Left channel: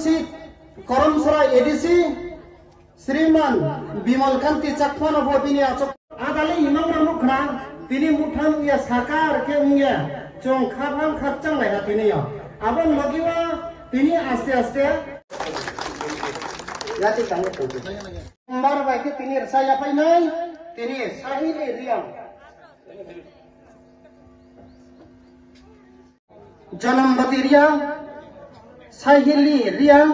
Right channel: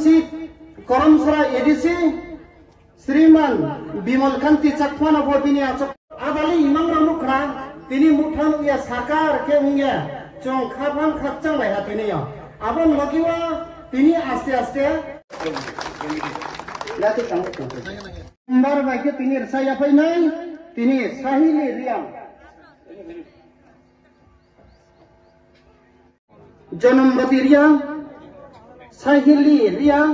কার্যসূচী করমসরা ADC শ্রীমান বিমল কান্তি চাকমান তিনি আদালি ইমামটা মুখান তিনি মুখান ইয়া সাকার কে উইয়া চং খাবান খাচ্চাং লাইয়া তিনি আবং লগিবা তিনি আস্তে আস্তে নম্বর বাইকে তিনি saya painai তিনি sahili riang Janambati riang sahili riang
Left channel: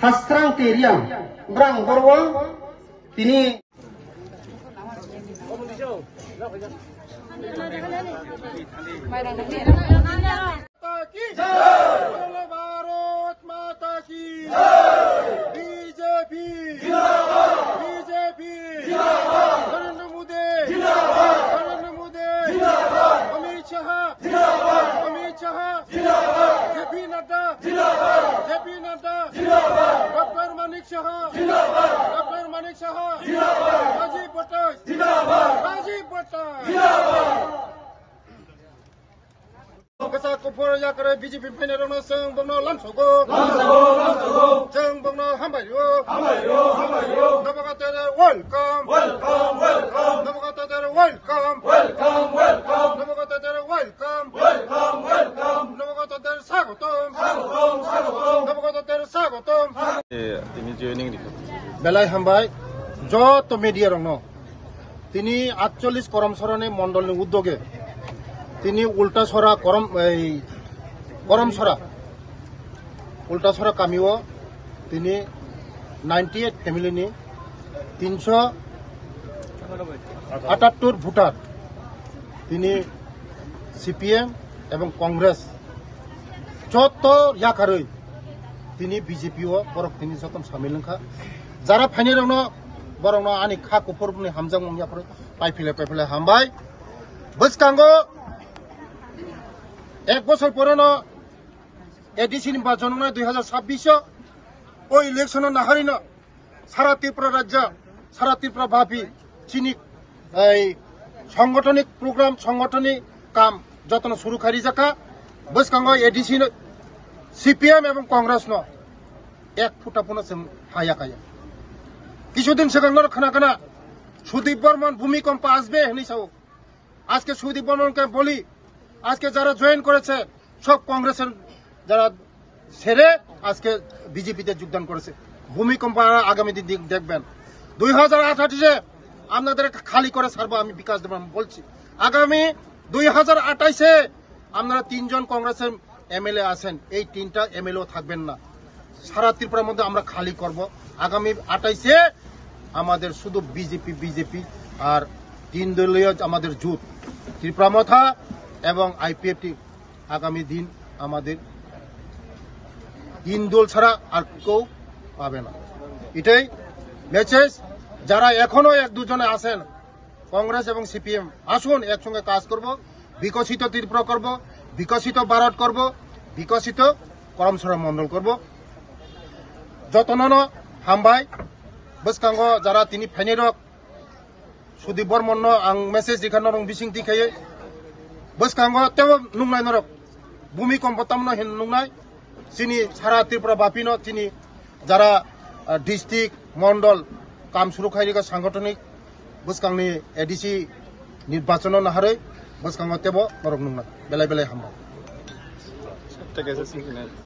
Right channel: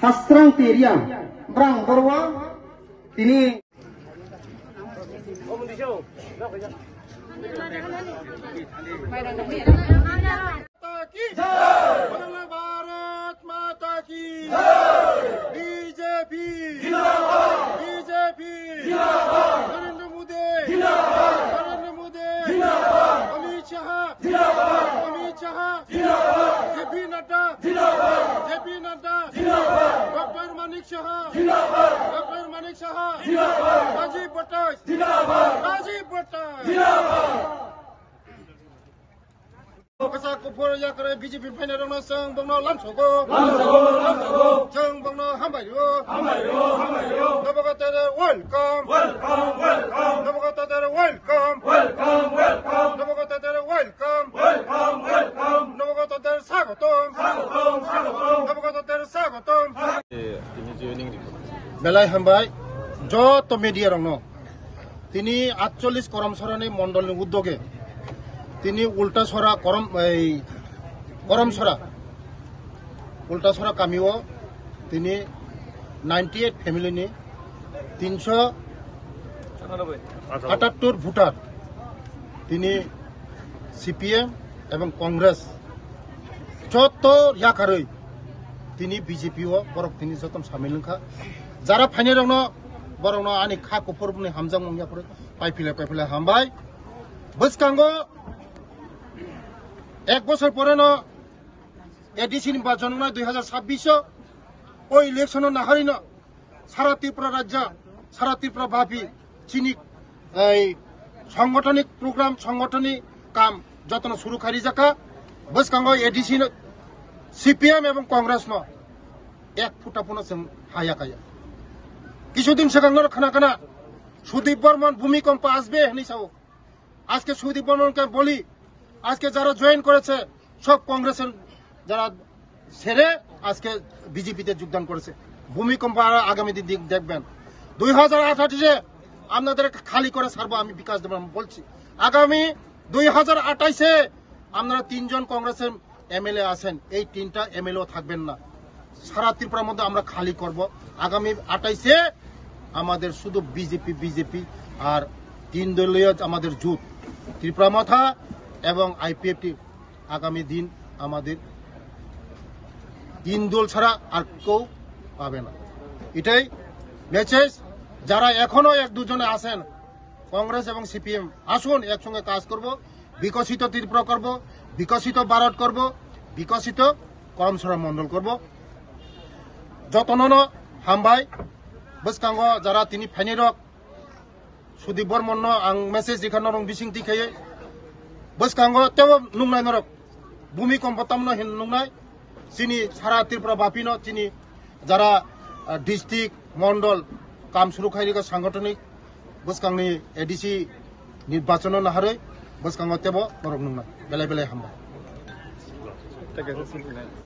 Khasrang ti riang brang borwa তিনি भारत माता की BJP Narendra Modi Amit Shah JP Nadda doctor Manik Shah Rajiv Bhatt Kasa kupur ya kare BJP paine rona seng bangno lansogo seng bangno hambayo nabaga tere welcome nabaga tere welcome nabaga tere welcome nabaga tere sagotom ini joining belai hambai joto media rongno tini 48 করমসরানে মন্ডলের উদ্যোগে তিনি উল্টাছড়া উল্টাছড়া কামিও তিনি 98 ফ্যামিলিনি 378 voter তিনি CPM এবং কংগ্রেস যত ইয়াকারই তিনি বিজেপিও বরক তিনি যতন সামিল নখা যারা ফাইনে রং বরং আনি খা কুফরনি হামজাং মংয়াফোর পাইফিলে হামবাই বসকাঙ্গো এক বছর পুরনো এডিসি নির্বাচন 2026 ওই ইলেকশন নাহারিন সারা ত্রিপুরা রাজ্য সারা ত্রিপুরা ভাবি চিনি এই সাংগঠনিক প্রোগ্রাম সাংগঠনিক কাম যতন শুরু খারি জাকা বসকাঙ্গ এডিসি সিপিএম এবং কংগ্রেস এক ফুটা পুনঃ হায়া খায়া কিছুদিন সেখানে খানা সুদীপ বর্মন ভূমিকম্প আসবে হিসাব আজকে সুদীপ বর্মনকে বলি আজকে যারা জয়েন করেছে সব কংগ্রেসের যারা ছেড়ে আজকে বিজেপিতে যোগদান করেছে ভূমিকম্প আগামী দিন দেখবেন 2028 আপনাদের খালি করে ছাড়বো আমি বিকাশ দেব বলছি আগামী 2028 আপনারা 3 জন কংগ্রেসের এমএলএ আছেন এই 3টা এমএলএ থাকবেন না সারা ত্রিপুরার মধ্যে আমরা খালি করব আগামী 28 আমাদের শুধু বিজেপি আর 3 দলীয় আমাদের জোট ত্রিপুরা মথা এবং আইপিএফটি আগামী দিন আমাদের 3 দল ছাড়া আর কেউ পাবে না এটাই মেসেজ যারা এখনো এক দুজনে আছেন কংগ্রেস এবং সিপিএম আসুন একসঙ্গে কাজ করব বিকশিত ত্রিপুরা করব বিকশিত ভারত করব বিকশিত করমসরা মন্ডল করব যতন হামবাই বসকাঙ্গ যারা তিনি ফাইনেরক সুদীপ বর্মন আং মেসেজ দেখানো রং বিসিং দিখায়ে বসকাঙ্গ তেও নুংনাই নরক ভূমিকম্প তামনো হিন নুংনাই চিনি সারা ত্রিপুরা বাপিনো তিনি যারা ডিস্ট্রিক্ট মন্ডল কাম শুরু খাইরিকা সাংগঠনিক বসকাংনি এডিসি নির্বাচন নাহারে বসকাঙ্গ তেব নরক নুংনাই বেলাই হামবাই